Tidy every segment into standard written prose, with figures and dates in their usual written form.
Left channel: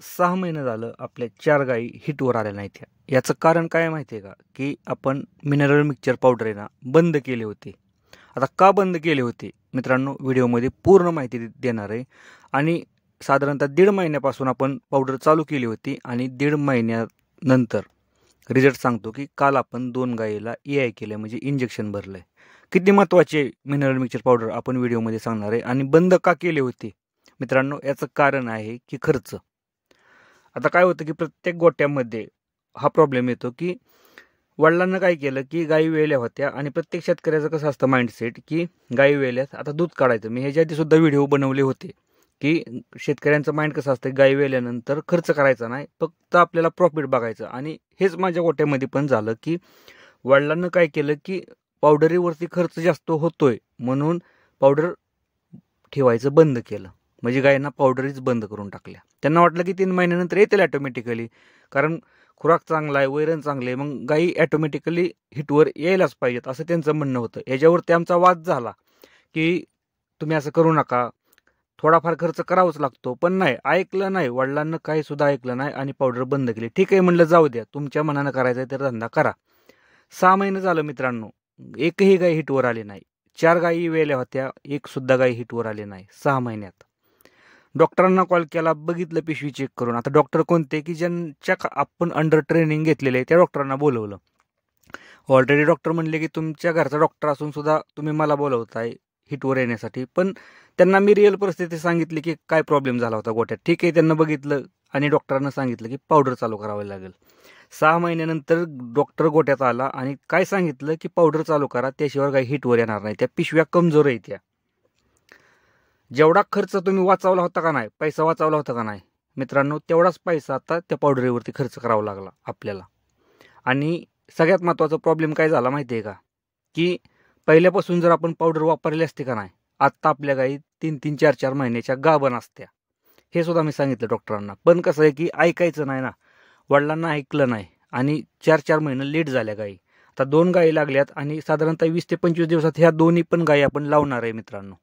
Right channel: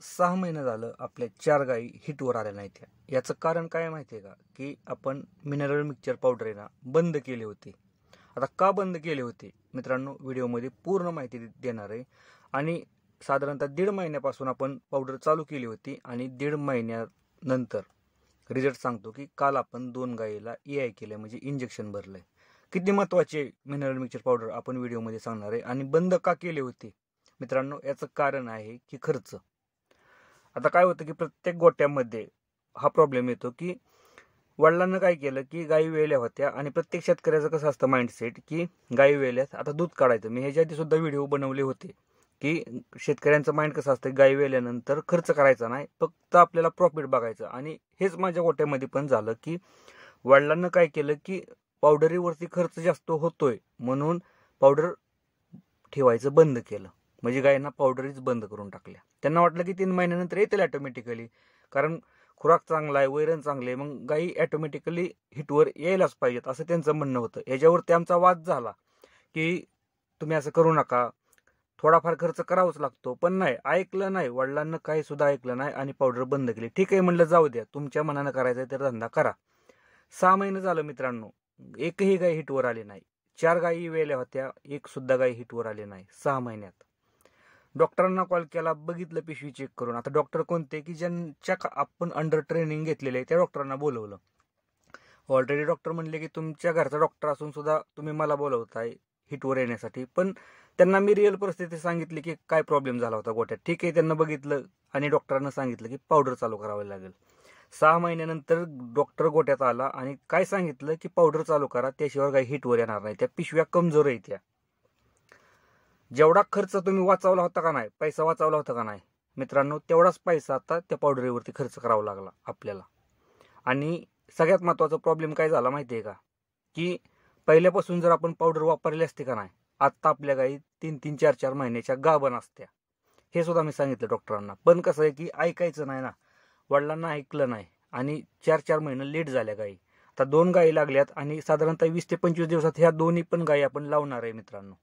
6 महिने झालं आपल्या 4 गायी हिटवर आल्या नाहीत. याचं कारण काय माहिती आहे का, की आपण मिनरल मिक्सचर पावडर आहे ना बंद केली होती. आता का बंद केली होती मित्रांनो, व्हिडिओमध्ये पूर्ण माहिती देणार आहे. आणि साधारणतः 1.5 महिन्यापासून आपण पावडर चालू केली होती आणि 1.5 महिन्यानंतर रिझल्ट सांगतो की काल आपण 2 गायीला EI केलं, म्हणजे इंजेक्शन भरलं आहे. किती महत्त्वाचे मिनरल मिक्सचर पावडर आपण व्हिडिओमध्ये सांगणार आहे. आणि बंद का केली होती मित्रांनो, याचं कारण आहे की खर्च. आता काय होतं की प्रत्येक गोट्यामध्ये हा प्रॉब्लेम येतो की वडिलांना काय केलं की गायी वेल्या होत्या, आणि प्रत्येक शेतकऱ्याचं कसं असतं माइंडसेट की गायी वेल्यात आता दूध काढायचं. मी ह्याच्या आधी सुद्धा व्हिडिओ बनवले होते की शेतकऱ्यांचं माइंड कसं असतं, गायी वेल्यानंतर खर्च करायचा नाही, फक्त आपल्याला प्रॉफिट बघायचं. आणि हेच माझ्या गोट्यामध्ये पण झालं की वडिलांना काय केलं की पावडरीवरती खर्च जास्त होतोय म्हणून पावडर ठेवायचं बंद केलं. म्हणजे गायींना पावडरीच बंद करून टाकल्या. त्यांना वाटलं की 3 महिन्यानंतर येतील ॲटोमॅटिकली, कारण खुराक चांगला आहे, वैरण चांगले, मग गायी ॲटोमॅटिकली हिटवर यायलाच पाहिजेत असं त्यांचं म्हणणं होतं. याच्यावरती आमचा वाद झाला की तुम्ही असं करू नका, थोडाफार खर्च करावाच लागतो. पण नाही, ऐकलं नाही, वडिलांना काही सुद्धा ऐकलं नाही आणि पावडर बंद केली. ठीक आहे म्हणलं, जाऊ द्या, तुमच्या मनानं करायचं तर धंदा करा. 6 महिने झालं मित्रांनो, एकही गाय हिटवर आली नाही. 4 गायी वेल्या होत्या, एक सुद्धा गाय हिटवर आली नाही 6 महिन्यात. डॉक्टरांना कॉल केला, बघितलं पिशवी चेक करून. आता डॉक्टर कोणते की ज्यांच्या आपण अंडर ट्रेनिंग घेतलेले आहे त्या डॉक्टरांना बोलवलं. ऑलरेडी डॉक्टर म्हणले की तुमच्या घरचा डॉक्टर असून सुद्धा तुम्ही मला बोलवताय हिटवर येण्यासाठी. पण त्यांना मी रिअल परिस्थिती सांगितली की काय प्रॉब्लेम झाला होता गोट्यात. ठीक आहे, त्यांना बघितलं आणि डॉक्टरांना सांगितलं की पावडर चालू करावी लागेल. 6 महिन्यानंतर डॉक्टर गोट्यात आला आणि काय सांगितलं की पावडर चालू करा, त्याशिवाय काही हिटवर येणार नाही, त्या पिशव्या कमजोर आहेत. त्या जेवढा खर्च तुम्ही वाचवला होता का नाही, पैसा वाचवला होता का नाही मित्रांनो, तेवढाच पैसा आता त्या पावडरीवरती खर्च करावा लागला आपल्याला. आणि सगळ्यात महत्त्वाचा प्रॉब्लेम काय झाला माहिती आहे का, की पहिल्यापासून जर आपण पावडर वापरली असते का नाही, आत्ता आपल्या गाई 3-3, 4-4 महिन्याच्या गाभण असत्या. हे सुद्धा मी सांगितलं डॉक्टरांना. पण कसं आहे की ऐकायचं नाही ना, वडिलांना ऐकलं नाही आणि 4-4 महिने लेट झाल्या गाई. आता 2 गायी लागल्यात आणि साधारणतः 20 ते 25 दिवसात ह्या दोन्ही पण गायी आपण लावणार आहे मित्रांनो.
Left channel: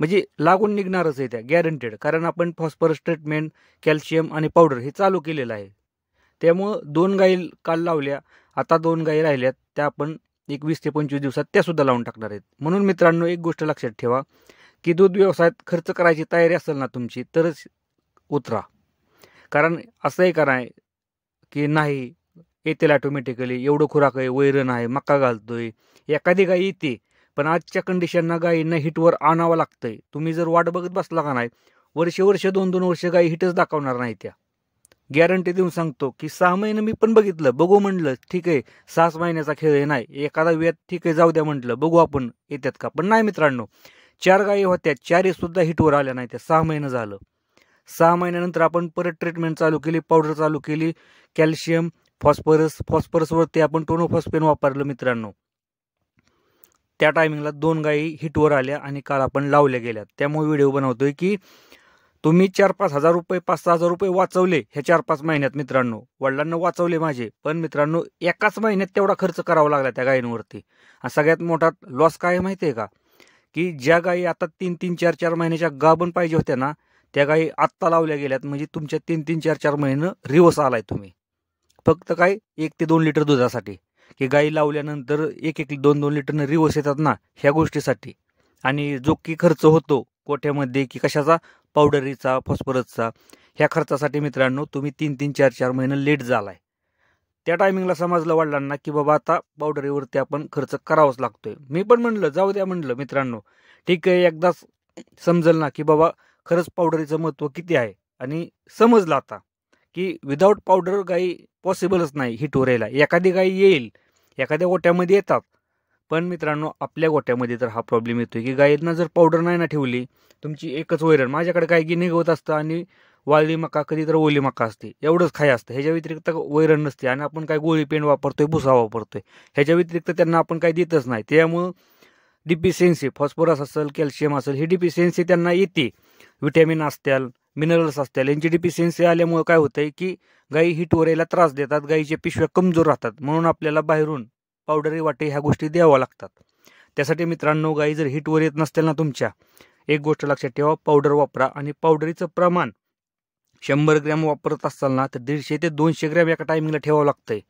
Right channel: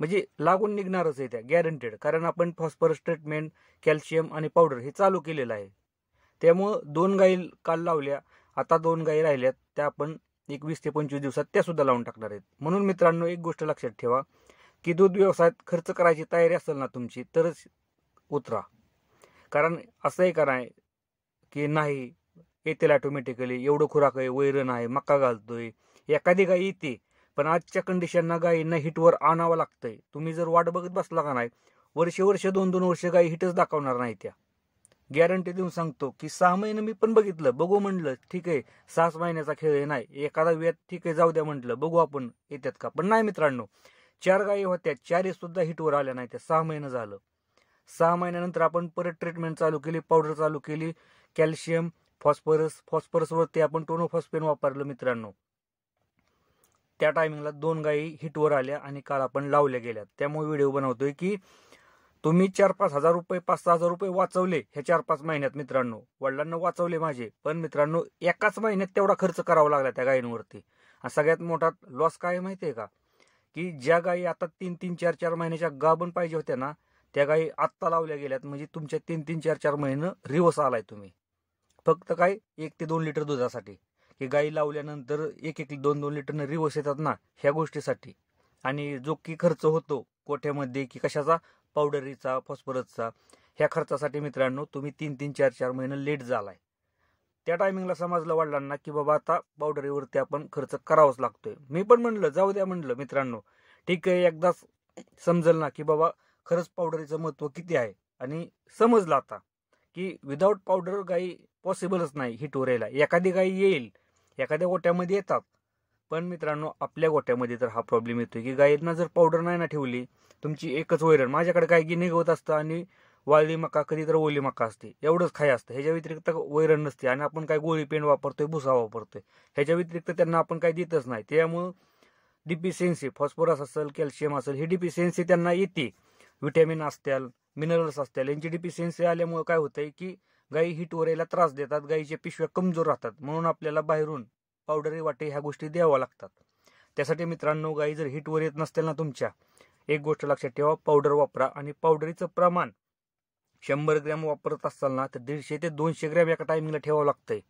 म्हणजे लागून निघणारच आहे त्या, गॅरंटेड. कारण आपण फॉस्फरस ट्रीटमेंट, कॅल्शियम आणि पावडर हे चालू केलेलं आहे. त्यामुळं 2 गायी काल लावल्या, आता 2 गायी राहिल्यात, त्या आपण एक 20 ते 25 दिवसात त्या सुद्धा लावून टाकणार आहेत. म्हणून मित्रांनो, एक गोष्ट लक्षात ठेवा की दूध व्यवसायात खर्च करायची तयारी असेल ना तुमची, तरच उतरा. कारण असं आहे का नाही की नाही येतील ऑटोमॅटिकली, एवढं खुराक आहे, वैरण आहे, मका घालतोय, एखादी गाय येते. पण आजच्या कंडिशनना गायींना हिटवर आणावं लागतंय. तुम्ही जर वाट बघत बसला का नाही, वर्ष 2-2 वर्ष गायी हिटच दाखवणार नाही. त्या गॅरंटी देऊन सांगतो की 6 महिने मी पण बघितलं, बघू म्हणलं, ठीक आहे 6 महिन्याचा खेळ आहे, नाही एखादा वेळ ठीक आहे जाऊ द्या म्हटलं, बघू आपण येतात का. पण नाही मित्रांनो, 4 गायी होत्या, 4ही सुद्धा हिटवर आल्या नाही. त्या 6 महिने झालं. 6 महिन्यानंतर आपण परत ट्रीटमेंट चालू केली, पावडर चालू केली, कॅल्शियम, फॉस्फरसवरती आपण टोनोफॉस्फेन वापरलं मित्रांनो. त्या टायमिंगला 2 गायी हिटवर आल्या आणि काल आपण लावल्या गेल्यात. त्यामुळे व्हिडिओ बनवतोय की तुम्ही 4-5 हजार रुपये, 5-6 हजार रुपये वाचवले ह्या 4-5 महिन्यात मित्रांनो. वडिलांना वाचवले माझे, पण मित्रांनो एकाच महिन्यात तेवढा खर्च करावा लागला त्या गायींवरती. आणि सगळ्यात मोठा लॉस काय माहिती आहे का, की ज्या गायी आता 3-3, 4-4 महिन्याच्या गाभण पाहिजे होत्या ना, त्या गायी आत्ता लावल्या गेल्यात. म्हणजे तुमच्या 3-3, 4-4 महिने रिवर्स आलाय तुम्ही, फक्त काय 1 ते 2 लिटर दुधासाठी. की गायी लावल्यानंतर 1-1, 2-2 लिटरनं रिवर्स येतात ना, ह्या गोष्टीसाठी. आणि जो की खर्च होतो गोठ्यामध्ये की कशाचा, पावडरीचा, फॉस्फरसचा, ह्या खर्चासाठी मित्रांनो तुम्ही 3-3, 4-4 महिने लेट झालाय. त्या टायमिंगला समजलं वडिलांना की बाबा आता पावडरीवरती आपण खर्च करावाच लागतोय. मी पण म्हणलं जाऊ द्या म्हणलं मित्रांनो, ठीक आहे एकदाच समजल ना की बाबा खरंच पावडरीचं महत्त्व किती आहे. आणि समजलं आता की विदाऊट पावडर गाई पॉसिबलच नाही हिटवर यायला. एखादी गाई येईल, एखाद्या गोट्यामध्ये येतात, पण मित्रांनो आपल्या गोट्यामध्ये तर हा प्रॉब्लेम येतोय की गायींना जर पावडर नाही ना ठेवली, तुमची एकच वैरण, माझ्याकडे काय की निघत असतं आणि वाळली मका, कधी तर ओली मका असते, एवढंच खाय असतं. ह्याच्या व्यतिरिक्त वैरण नसते. आणि आपण काय गोळी पेंड वापरतोय, भुसा वापरतोय, ह्याच्या व्यतिरिक्त त्यांना आपण काय देतच नाही. त्यामुळं डिफिशियन्सी, फॉस्फरस असेल, कॅल्शियम असेल, ही डिफिशियन्सी त्यांना येते. विटॅमिन असतील, मिनरल्स असतील, यांची डिफिशियन्सी आल्यामुळे काय होतंय की गायी हिटवर यायला त्रास देतात, गायीच्या पिशव्या कमजोर राहतात. म्हणून आपल्याला बाहेरून पावडरी वाटे ह्या गोष्टी द्याव्या लागतात. त्यासाठी मित्रांनो गायी जर हिटवर येत नसतील ना तुमच्या, एक गोष्ट लक्षात ठेवा, पावडर वापरा. आणि पावडरीचं प्रमाण 100 ग्रॅम वापरत असताना तर 150 ते 200 ग्रॅम एका टायमिंगला ठेवावं लागतंय.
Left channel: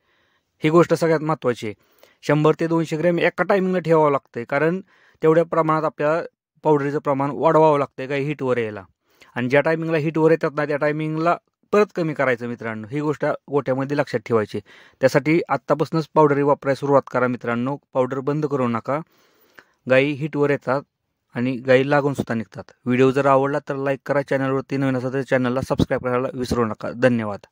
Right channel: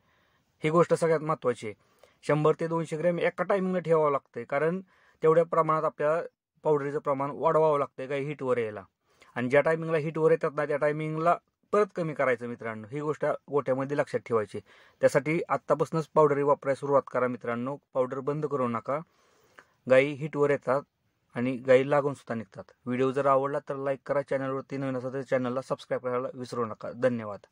ही गोष्ट सगळ्यात महत्त्वाची आहे. 100 ते 200 ग्रॅम एका टायमिंगला ठेवावं लागतंय, कारण तेवढ्या प्रमाणात आपल्याला पावडरीचं प्रमाण वाढवावं लागतंय गाई हिटवर यायला. आणि ज्या टायमिंगला हिटवर येतात ना त्या टायमिंगला परत कमी करायचं मित्रांनो. ही गोष्ट गोठ्यामध्ये लक्षात ठेवायची. त्यासाठी आत्तापासूनच पावडरी वापरायला सुरुवात करा मित्रांनो. पावडर बंद करू नका. गाई हिटवर येतात आणि गाई लागून सुद्धा निघतात. व्हिडिओ जर आवडला तर लाईक करा. चॅनलवरती नवीन असेल तर चॅनलला सबस्क्राईब करायला विसरू नका. धन्यवाद.